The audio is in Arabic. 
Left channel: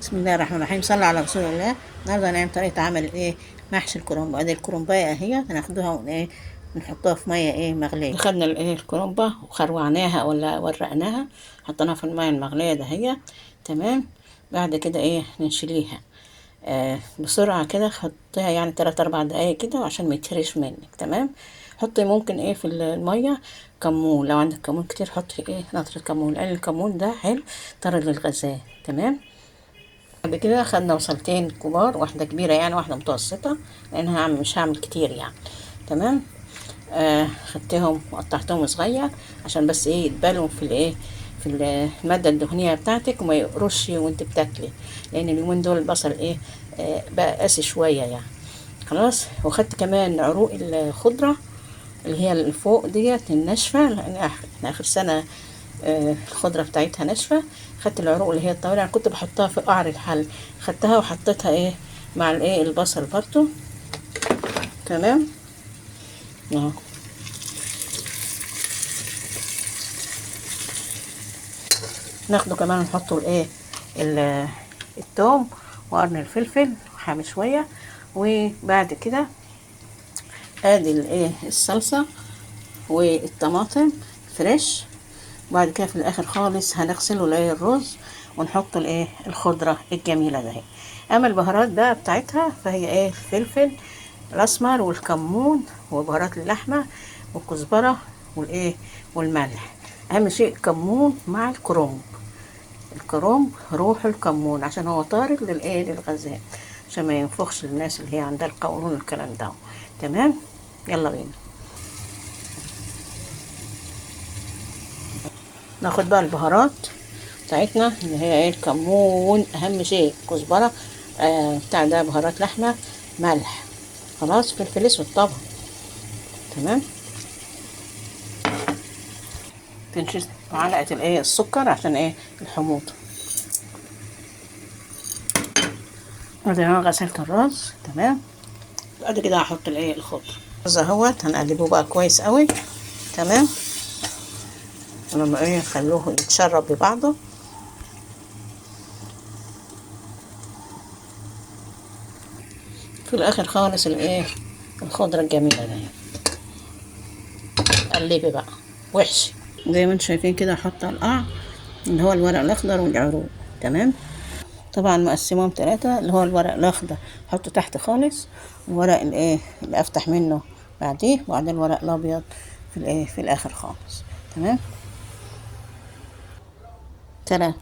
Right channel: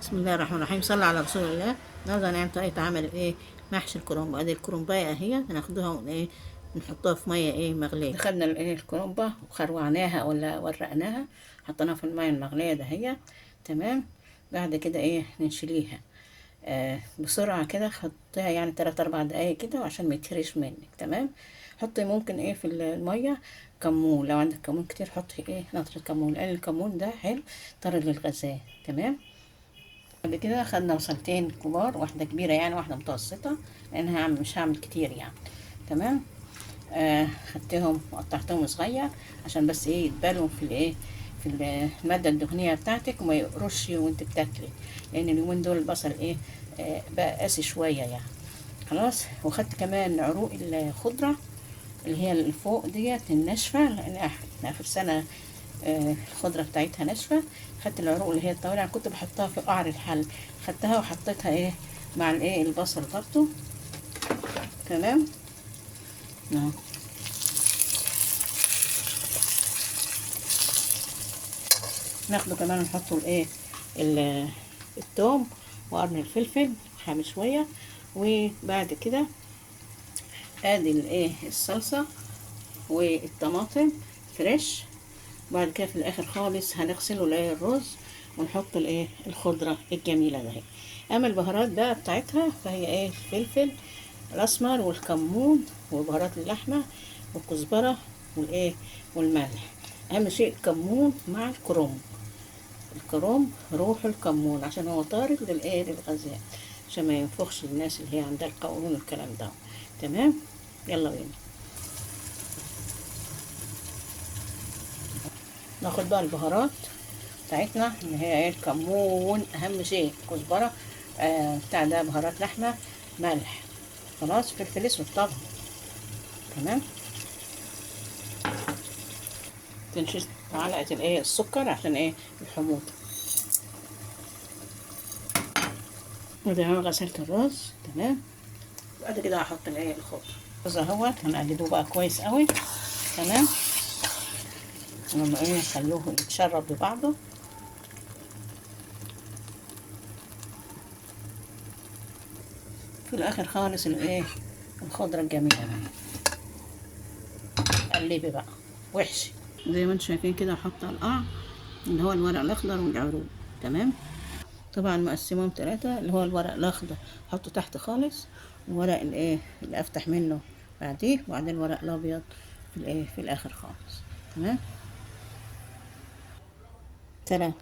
بسم الله الرحمن الرحيم. صلى على رسول الله. النهارده هنعمل طريقه عمل محشي الكرنب. ادي الكرنبايه اهي، هناخدوها نحطها في ميه مغليه. خدنا الكرنبه وخروعناها ولا ورقناها، حطيناها في الميه المغليه دهيت. تمام. بعد كده نشيليها بسرعه كده، حطيها يعني 3 4 دقايق كده عشان ما يتهرش منك. تمام. حطي ممكن في الميه كمون، لو عندك كمون كتير حطي نطره كمون، لان الكمون ده حلو طرد للغذاء. تمام. بعد كده خدنا بصلتين كبار، واحدة كبيرة يعني واحدة متوسطة، لأنها مش هعمل كتير يعني. تمام. خدتهم وقطعتهم صغير عشان بس يتبالوا في في المادة الدهنية بتاعتك وما يقرش وانت بتاكلي، لأن اليومين دول البصل بقى قاسي شوية يعني. خلاص. وخدت كمان عروق الخضرة اللي هي اللي فوق ديت الناشفة، لأن احنا آخر سنة الخضرة بتاعتها ناشفة. خدت العروق اللي هي الطويلة، يعني كنت بحطها في قعر الحل، خدتها وحطيتها مع البصل برضو. تمام اهو. ناخده كمان نحطه التوم وقرن الفلفل وحامي شوية. وبعد كده ادي الصلصة والطماطم فريش. وبعد كده في الاخر خالص هنغسله الرز ونحط الخضره الجميله ده. اما البهارات بقى بتاعتها فهي الفلفل الاسمر والكمون وبهارات اللحمه والكزبره والملح. اهم شيء الكمون مع الكرنب. الكرنب روح الكمون عشان هو طارد للغذاء، عشان ما ينفخش للناس اللي هي عندها القولون والكلام ده. تمام. يلا بينا ناخد بقى البهارات بتاعتنا اللي هي الكمون، اهم شيء كزبره بتاع ده، بهارات لحمه، ملح، خلاص، فلفل اسود طبعا. تمام. تنشف معلقه السكر عشان الحموضه. ادي انا غسلت الرز. تمام. بعد كده هحط الخضره. الرز اهوت هنقلبه بقى كويس قوي. تمام. ولما نخلوه يتشرب ببعضه. في الاخر خالص الخضره الجميله دي قلبي بقى وحشي زي ما انتم شايفين كده. احط القعر اللي هو الورق الاخضر والعروق. تمام. طبعا مقسمهم 3، اللي هو الورق الاخضر احطه تحت خالص، والورق اللي افتح منه بعديه، وبعدين الورق الابيض في في الاخر خالص. تمام. سلام.